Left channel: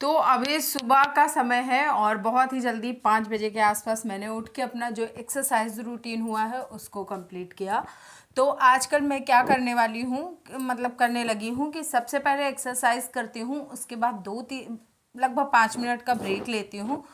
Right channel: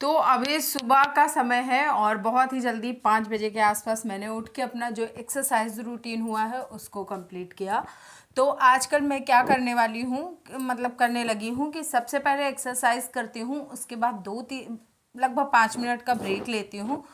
तो अभी सुबह का समय है और बहुत ही जल्दी 5 बजे के आसपास मैंने उठ के अपना जो एक्सरसाइज रूटीन हुआ है उसको कंप्लीट किया। तो आजकल मैं क्या करने वाली हूँ, मतलब करने लगी हूँ कि सबसे पहले एक्सरसाइज करती हूँ, उसके बाद 2-3 लगभग 5 मिनट का ब्रेक लेती हूँ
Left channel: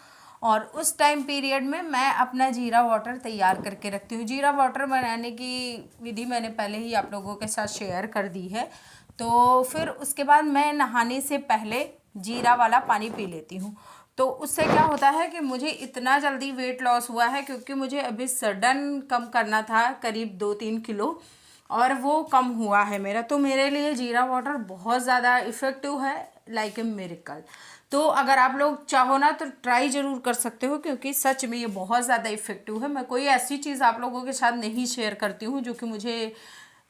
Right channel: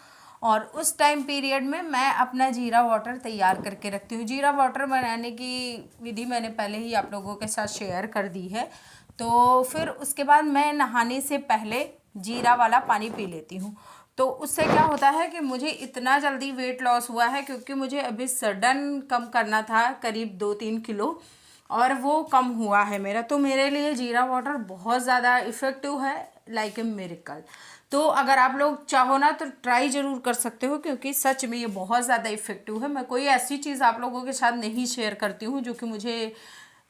और उस टाइम पीरियड में मैं अपना जीरा वाटर तैयार करके रखती हूँ। जीरा वाटर बनाने की विधि मैंने पहले ही आप लोगों के साथ शेयर कर दी है। तो फिर उसके बाद मैं नहाने से पहले जीरा वाला पानी पी लेती हूँ। तो उससे क्या होता है कि मुझे इतना जल्दी वेट लॉस हुआ है, क्योंकि मुझे अभी सडन कम करना था करीब 2-3 किलो, और वो कम हुआ है मेरा। तो मेरे लिए जीरा वाटर बहुत ज़्यादा इफ़ेक्टिव है, लाइक ए मिरेकल। तो अगर आप लोग चाहो ना तो ट्राई ज़रूर कर सकते हो, क्योंकि सच में ये बहुत ज़्यादा इफ़ेक्टिव है। मैं कोई ऐसी चीज़ आप लोगों के साथ नहीं शेयर करती हूँ जो कि मुझे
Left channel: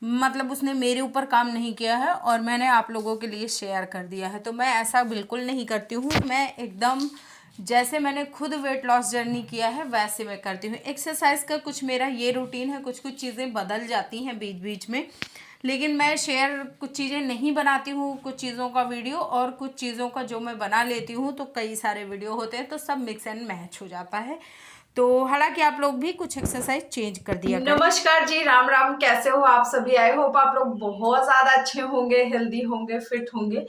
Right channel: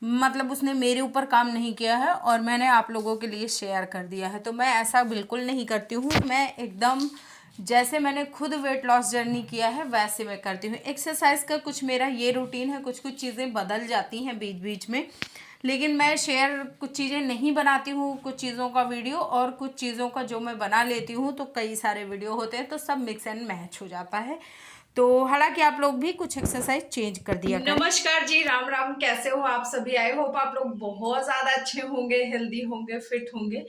मतलब उसने मेरे ऊपर काम नहीं किया है और मैंने आप लोगों के लिए शेयर कर दिया है। तो मैं ऐसा बिल्कुल नहीं करती हूँ। मैं एकदम जैसे मैंने खुद वेट लॉस जर्नी किया है वैसे मैं करती हूँ। एक्सरसाइज का कुछ मेरा ये रूटीन है, कुछ कुछ चीज़ें बदल जाती हैं बीच बीच में, लेकिन मैं शेयर कुछ चीज़ें नहीं बनाती हूँ, कुछ चीज़ों का वीडियो और कुछ चीज़ों का जो मैं बना लेती हूँ तो कई सारे वीडियो होते हैं, तो सब मिक्स एंड मैच हो जाता है। तो हालांकि आप लोग भी कुछ एक्सरसाइज चेंज कर दिया करें। नमस्कार जी, राम राम। कैसे हो आप सभी? आई होप आप लोग बहुत ज्यादा अच्छे होंगे, हेल्दी होंगे, फिट होंगे।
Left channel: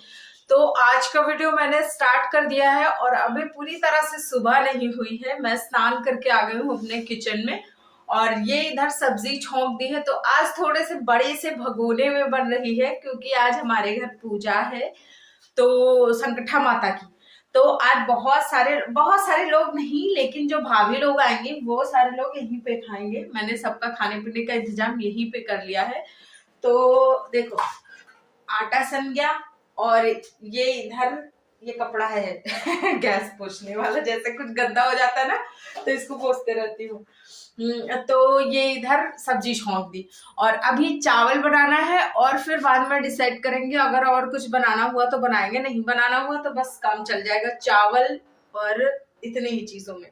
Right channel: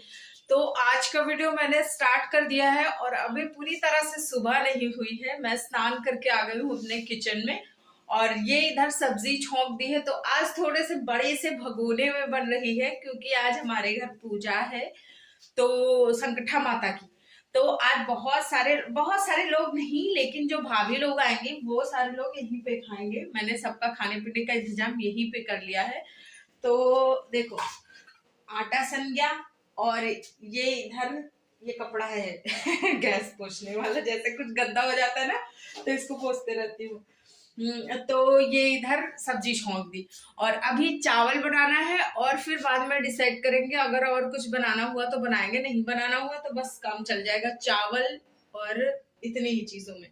तो आज का वीडियो मैंने स्टार्ट कर दिया है और अभी पूरी तरह से सुबह नहीं हुई है। मैं स्नान करके आ गई हूँ अपने किचन में और ये इधर सब्जी छोंक दी है। तो आज थोड़े से बड़े से भगोने में बन रही है, क्योंकि आज हमारे घर पूजा है, तो संकटा माता की। तो आज बहुत सारे लोग नहीं, लेकिन जो भाभी लोग आएंगे वो सारे लोग यहीं पे खाएंगे। मैंने सबका खाने पीने का इंतजाम यहीं पे कर लिया है। तो देखो, आटा सन गया और ये इधर ये कपड़ा है गैस पोछने वाला, जैसे कुछ गंदा हो जाता है ना तो इसको पोछते रहती हूँ। तो ये इधर सब्जी छोंक दी और अभी चावल बनाना है और फिर बाद में डिसाइड करेंगे, अगर और कुछ बनाना हुआ तो बनाएंगे, नहीं बनाना हुआ तो बस काम चल जाएगा चावल और इतनी ही चीजों में।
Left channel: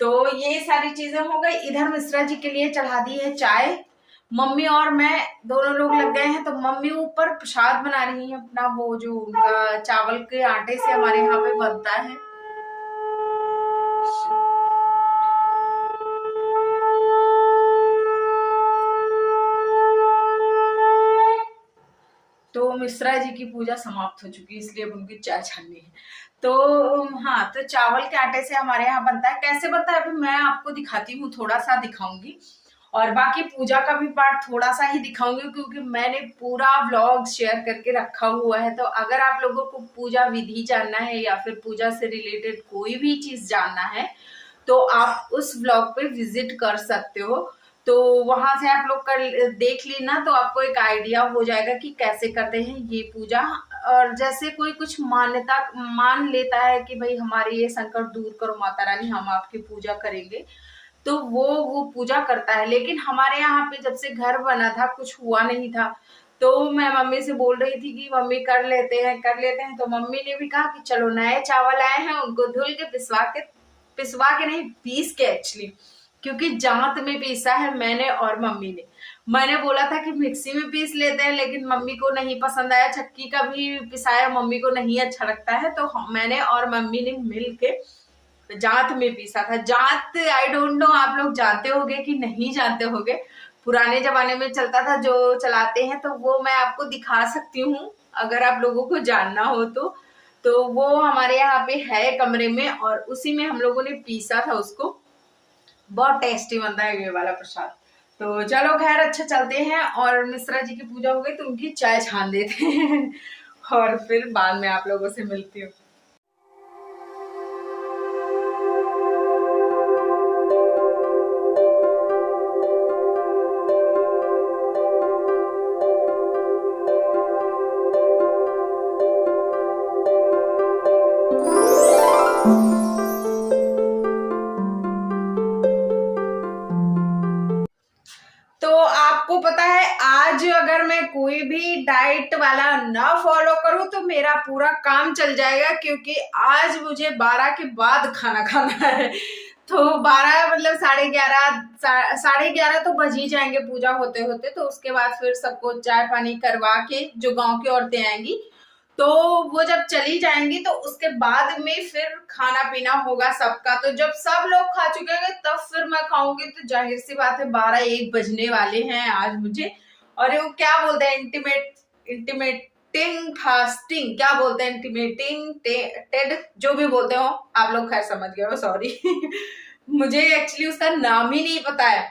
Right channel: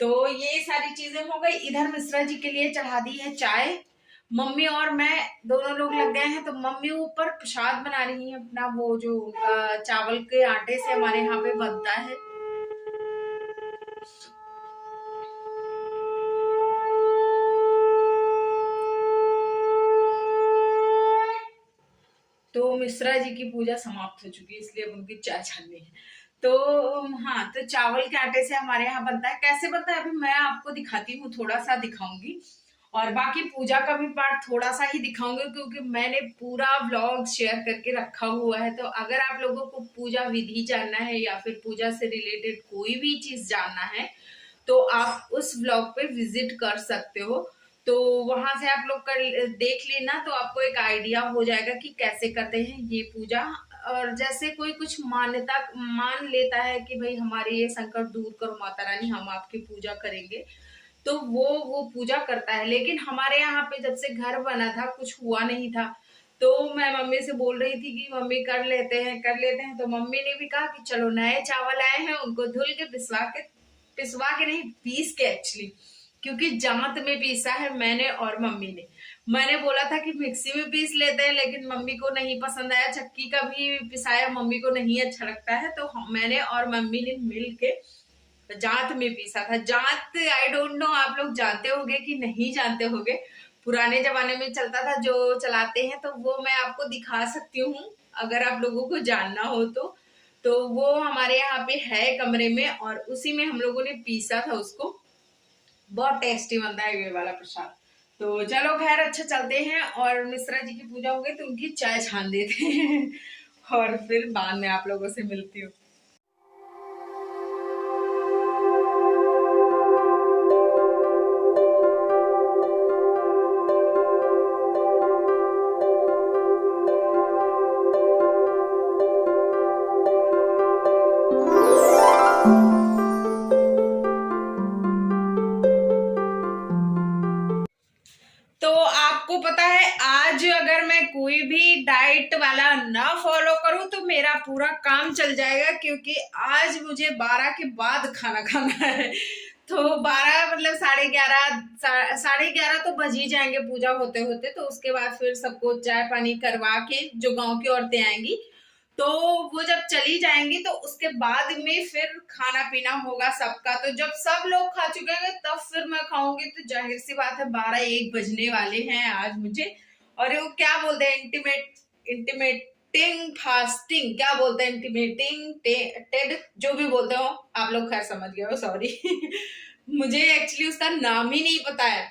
तो ये सारी चीजें हो गई। इधर मिश्रा जी के लिए चढ़ा दी है चाय। मम्मी और मैं दोनों लोग लग गए हैं। तो मम्मी ऊपर प्रसाद बना रही है अपना, वो जो उनका चावल के आटे से हमारे यहाँ पे बनता है। तो मिश्रा जी की पूजा समाप्त हो चुकी है, इसलिए अब उनकी चाय छाननी है। तो हाँ, तो चावल के आटे से हमारे यहाँ बनता है। कैसे बनता है अभी मैं आपको दिखाती हूँ, थोड़ा सा दिखाऊंगी और बाकी पूजा का भी पार्ट थोड़ा सा ही दिखाऊंगी, क्योंकि मैंने पूरा व्लॉग शेयर करके रखा हुआ है। तो अगर आप लोगों को पूजा विधि जानना है या फिर पूजा से रिलेटेड कोई भी चीज जानना है तो आप उस व्लॉग पे विजिट कर सकते हो। तो वहां से आप लोग कर देख लेना, तो आपको एक आइडिया हो जाएगा कि कैसे करते हैं ये पूजा। और जैसे कोई कुछ मान्यता मान लेता है कि भाई हमारे ये संकट दूर करो माता रानी, हम आपकी पूजा करेंगे, तो वो पूजा करता है। लेकिन हमारे यहाँ पे जब से घर बना था कुछ हुआ नहीं था। तो मैं मम्मी से बोल रही थी कि मम्मी कर लेते हैं कर लेते हैं। तो मम्मी ने भी कहा कि चलो, नए चावल आए हैं उनको धुल के पिसवा के नहीं, पीस के एक्चुअली, क्योंकि जांत में पीसा है मैंने और मम्मी ने। मैंने बोला था कि मिक्सी में पीस लेते हैं, लेकिन मम्मी को नहीं पसंद आया। चक्की का भी पिसाया मम्मी को नहीं अच्छा लगता है, तो मैंने और मम्मी ने मिल के जांत में पीसा था। जांत आई डोंट नो आप लोग जानते होगे कि नहीं जानते होगे, पुराने जमाने में चलता था जो चलाते हैं, तो वो मैं आपको दिखा सकती हूँ अगर आप लोगों को जानना हो तो वो हमारे यहाँ पे है कमरे में और उसी में हम लोगों ने पीसा था उसको। बहुत टेस्टी बनता है ये वाला प्रसाद। तो चलो खैर, अच्छा चलते हैं और मिश्रा जी की पूजा हो गई तो उनकी चाय छान देते हैं और फिर बाद में आप लोगों से मिलती हूँ। तो आपको पता है, आज अगर मैं कोई भी डाइट वाला ना फॉलो करूं तो मेरा पूरा काम चल जाएगा, क्योंकि आज मुझे 12 के बाद खाना खाना है। तो 12 मतलब 11:30 तो बज ही जाएंगे पूजा होते होते। तो उसके बाद फिर सबको चाय पानी करवा के जो गांव की औरतें आएंगी तो वो जब चली जाएंगी तो उसके बाद में फिर खाना पीना होगा सबका। तो जब सब लोग खा चुके होंगे तब फिर मैं खाऊंगी। तो जाहिर सी बात है 12-1 बजने वाले हैं आज मुझे। और वो क्या बोलते हैं, इंटीमेटिंग फास्टिंग, क्या बोलते हैं, इंटीमेटिंग टेड, जो भी बोलते हो आप लोग, खैर समझ गए हो, सॉरी मुझे एक्चुअली उसका नाम ही नहीं पता है,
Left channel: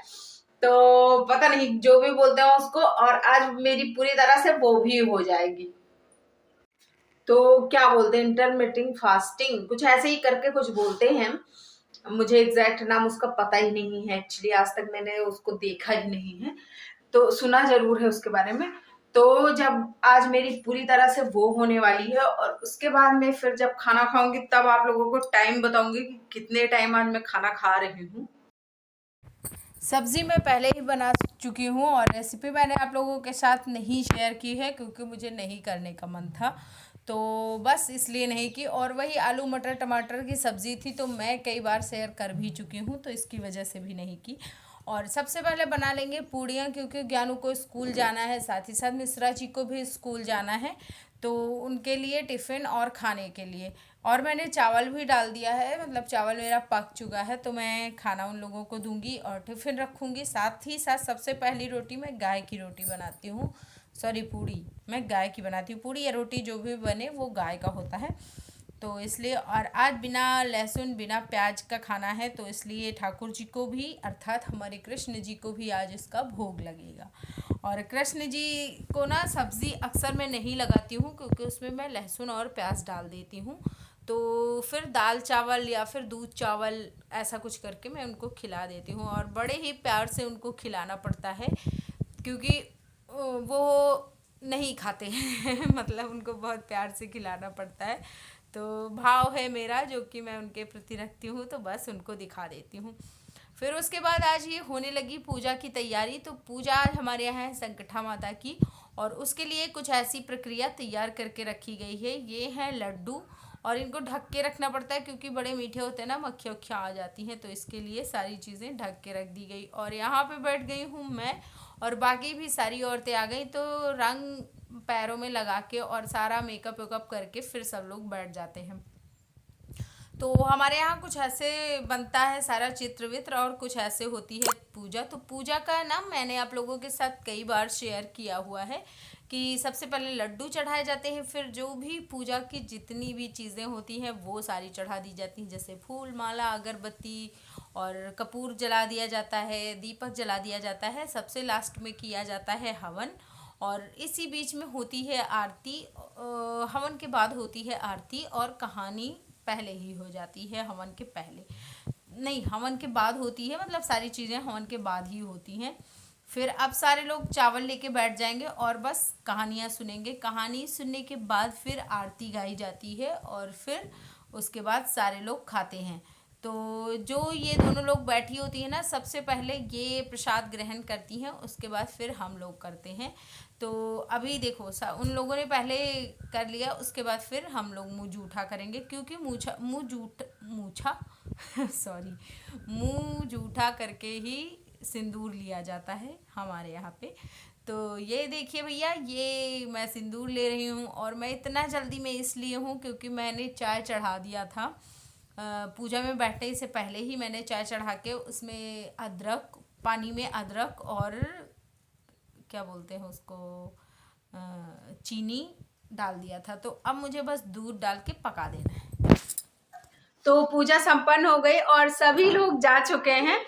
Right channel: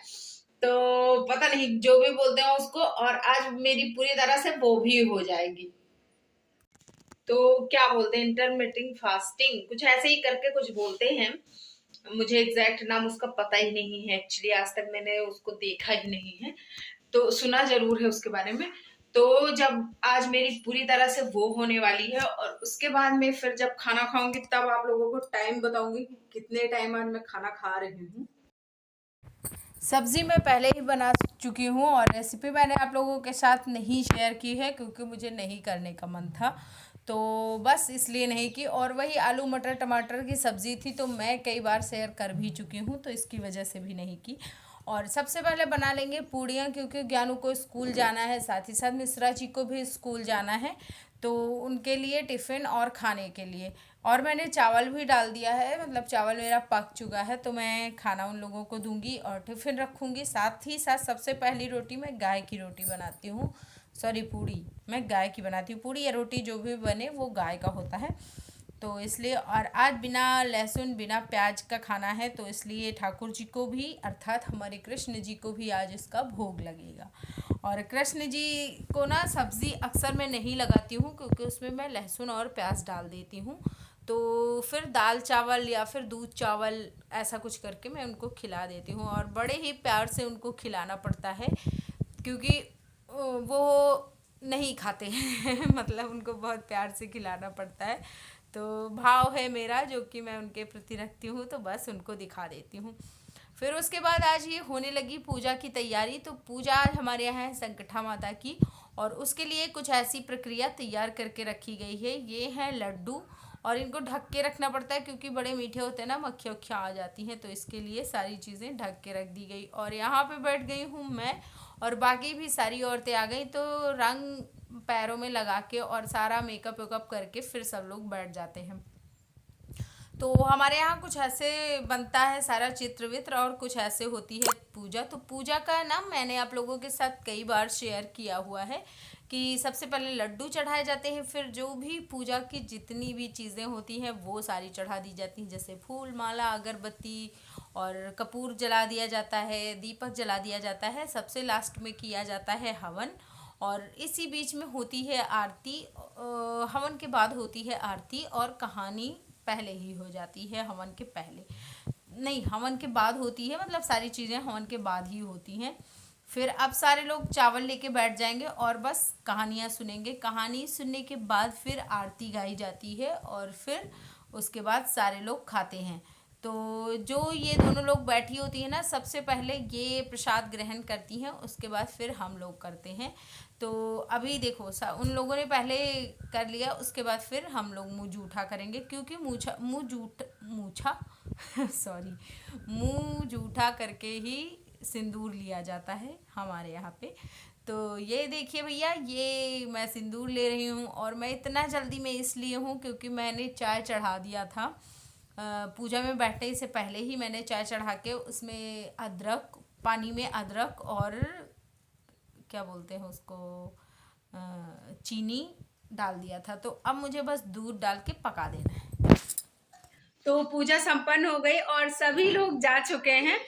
तो पता नहीं, जो भी बोलते हो उसको। और आज मेरी पूरी तरह से वो भी हो जाएगी। तो क्या बोलते हैं, इंटरमिटिंग फास्टिंग कुछ ऐसे ही करके कुछ बोलते हैं। मुझे एग्जैक्ट नाम उसका पता ही नहीं है एक्चुअली, आज तक मैंने उसको देखा ही नहीं है, तो सुना जरूर है उसके बारे में। तो जब आज मेरी पूरी तरह से वो होने वाली है और उसके बाद में फिर जब खाना खाऊंगी तब आप लोगों को टाइम बताऊंगी कि कितने टाइम आज मैं खाना खा रही हूँ। सब्ज़ी मैं पहले ही बना चुकी हूँ और रेसिपी मैंने आप लोगों के साथ नहीं शेयर की है क्योंकि मुझे नहीं करने का मन था, तो बस इसलिए नहीं की। और वही आलू मटर टमाटर की सब्ज़ी थी तो मैं कई बार शेयर कर भी चुकी हूँ, तो इसकी वजह से भी नहीं की। और सबसे पहले बना लेंगे पूड़ियाँ, क्योंकि ज्ञानू को स्कूल जाना है, साथ ही साथ मिश्रा जी को भी स्कूल जाना है, तो उनके लिए टिफ़िन और खाने के लिए। और मैंने चावल भी डाल दिया है, मतलब चावल मेरा पक चुका है, तो मैं खाना उन लोगों को दूंगी और टिफ़िन रखूंगी। साथ ही साथ सबसे पहली रोटी मैं गाय की रोटी बनाती हूँ, सॉरी पूड़ी मैं गाय की बनाती हूँ। पूड़ी या रोटी जो भी बने वो गाय का होता है, तो इसलिए। और आज बिना लहसुन बिना प्याज का खाना है, तो इसलिए ठाकुर जी को भी अर्थात हमारे कृष्ण जी को भी आज इसका भोग लगेगा। और कृष्ण जी को ना सब्ज़ी अक्सर मैं नहीं लगाती हूँ क्योंकि उसमें मैं लहसुन और प्याज डाल देती हूँ, तो फिर दाल चावल या फिर दूध चावल ऐसा कुछ करके मैं उनको खिला देती हूँ। और बड़े ही प्यार से उनको खिलाना पड़ता है क्योंकि वो नहीं खाते हैं मतलब उनको बहुत प्यार से खिलाना पड़ता है, तो भाव है मेरा जो कि मैं उनके प्रति रखती हूँ, तो बस उनको दिखा देती हूँ। फिर उसके बाद आज ये होने लगी पूजा की तैयारी। तो पूजा आज हमारे यहाँ है संकटा माता की, और उसके लिए कुछ ऐसी प्रक्रिया तैयार करके रखी गई है। ये हैं लड्डू, और इनको ढक के रखना पड़ता है क्योंकि बड़े मीठे होते हैं ना, मक्खियाँ उक्खियाँ आ जाती हैं, तो इसके लिए सारी चीज़ें ढक के रख दी गई। और यहाँ पे बैठ गई हूँ मैं, और बाकी भी सारी औरतें आ गई, तो रंग पैरों में लगा के और सारा मेकअप वेकअप करके फिर सब लोग बैठ जाते हैं। तो हमारे यहाँ कुछ ऐसे बनता है सारा चित्र वित्र, और कुछ ऐसे होती है पूजा। तो पूजा का नाम मैंने आप लोगों के साथ कई बार शेयर किया हुआ है कि सबसे पहले लड्डू चढ़ाए जाते हैं, फिर जो भी पूजा की जितनी भी चीज़ें होती हैं वो सारी चढ़ा दी जाती हैं, जैसे फूल माला अगरबत्ती और कपूर जला दिया जाता है, दीपक जला दिया जाता है, सबसे लास्ट में किया जाता है हवन। और इसी बीच में होती है आरती, हवन के बाद होती है आरती, और कहानी पहले ही हो जाती है, हवन के पहले नहीं, हवन के बाद होती है, मतलब सारी चीज़ें हवन के बाद ही होती हैं। फिर अब सारे लोग चावल लेके बैठ जाएंगे और बस कहानियाँ सुनेंगे। कहानी सुनने के बाद फिर आरती गाई जाती है और फिर उसके बाद सारे लोग खाते हैं। तो जो ये दोनों लोग बैठी होती है ना, सबसे पहले ये प्रसाद ग्रहण करती हैं, उसके बाद फिर हम लोग करते हैं। तो अभी देखो उन लोगों ने पहले कर लिया, उसके बाद फिर हम लोग मुँह जूठा करेंगे, क्योंकि मूछा सॉरी, मुँह जूठा करके ही सिंदूर लिया जाता है हमारे यहाँ पे। तो ये देखिए भैया, ये मैं सिंदूर ले रही हूँ, और मैं इतना जल्दी में इसलिए हूँ क्योंकि मैंने चाय चढ़ा दिया था पूजा में बैठने से पहले ही। मैंने चाय चढ़ा के उसमें अदरक, पानी में अदरक और क्या बोलते हैं उसको, चीनी डाल दिया था। तो अब मुझे बस दूध डाल के पका देना है। तो पूजा संपन्न हो गई और सभी लोग जा चुके हैं,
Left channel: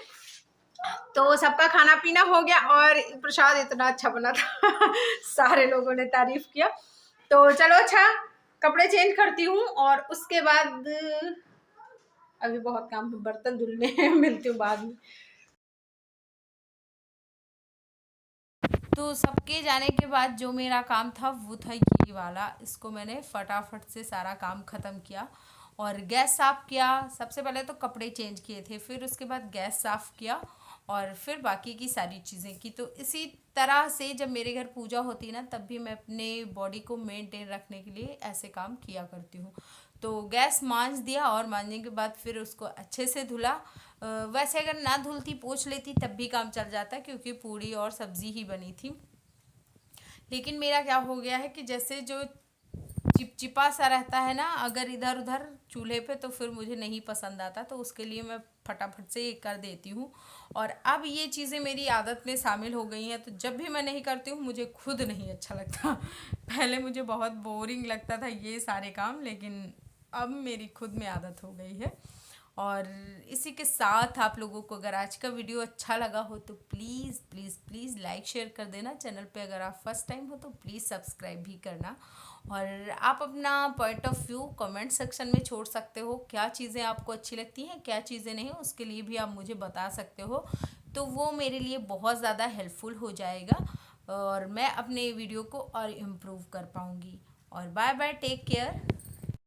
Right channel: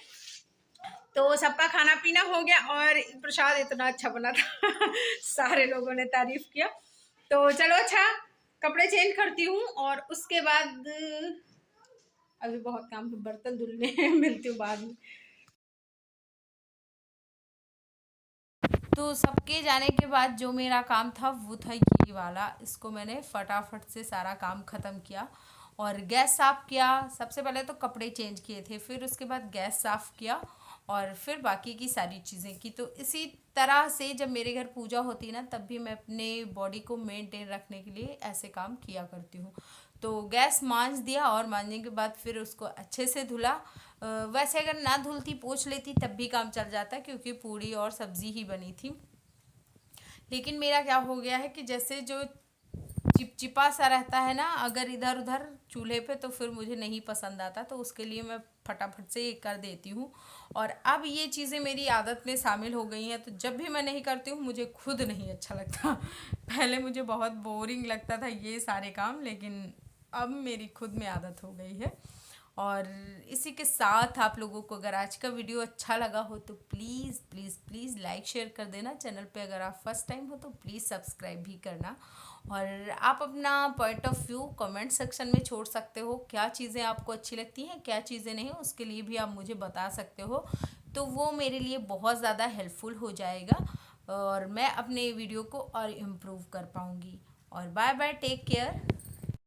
तो सबका खाना पीना हो गया और प्रसाद इतना अच्छा बना था सारे लोगों ने तारीफ किया। तो चलो अच्छा, कपड़े चेंज करती हूँ और उसके बाद अभी बहुत काम है, बर्तन धुलने हैं, मिलती हूँ बाद में। तो सबके जाने के बाद जो मेरा काम था वो था ये वाला, इसको मैंने फटाफट से सारा काम ख़त्म किया और गैस साफ़ किया। सबसे पहले तो कपड़े चेंज किए थे, फिर उसके बाद गैस साफ़ किया और फिर बाकी की सारी चीज़ें की। तो इसी तरह से जब मेरे घर पूजा होती है ना, तब भी मैं अपने बॉडी को मेंटेन रखने के लिए ऐसे काम किया करती हूँ। तो गैस मांज दिया और मांजने के बाद फिर उसको अच्छे से धुला। वैसे अगर ना धुलती पोंछ लेती तब भी काम चल जाता, क्योंकि पूड़ी और सब्ज़ी ही बनी थी। लेकिन मेरा क्या हो गया है कि जैसे जो चिप चिपचिपा सा रहता है ना अगर इधर उधर चूल्हे पे, तो फिर मुझे नहीं पसंद आता। तो उसके लिए मैं फटाफट से ये कर देती हूँ। और अब ये चीज़ें मेरी आदत में शामिल हो गई हैं, तो जब भी मैं नहीं करती हूँ मुझे खुद नहीं अच्छा लगता। पहले मुझे बहुत बोरिंग लगता था ये सारे काम, लेकिन अब मेरी खुद में आदत हो गई है। और इसी के साथ आप लोगों को अगर आज का वीडियो अच्छा लगा हो तो please please please like share कर देना। चैनल पे अगर आप फर्स्ट टाइम हो तो प्लीज़ सब्सक्राइब भी करना। और आप अपना point of view comment section में छोड़ सकते हो, क्या चीज़ें आपको अच्छी लगती हैं, क्या चीज़ें नहीं, उसके लिए भी आप मुझे बता सकते हो। तो वो मेरे लिए बहुत ज़्यादा हेल्पफुल हो जाएगा और मैं अपने वीडियो को और इम्प्रूव कर पाऊँगी। और बाय बाय, टेक केयर।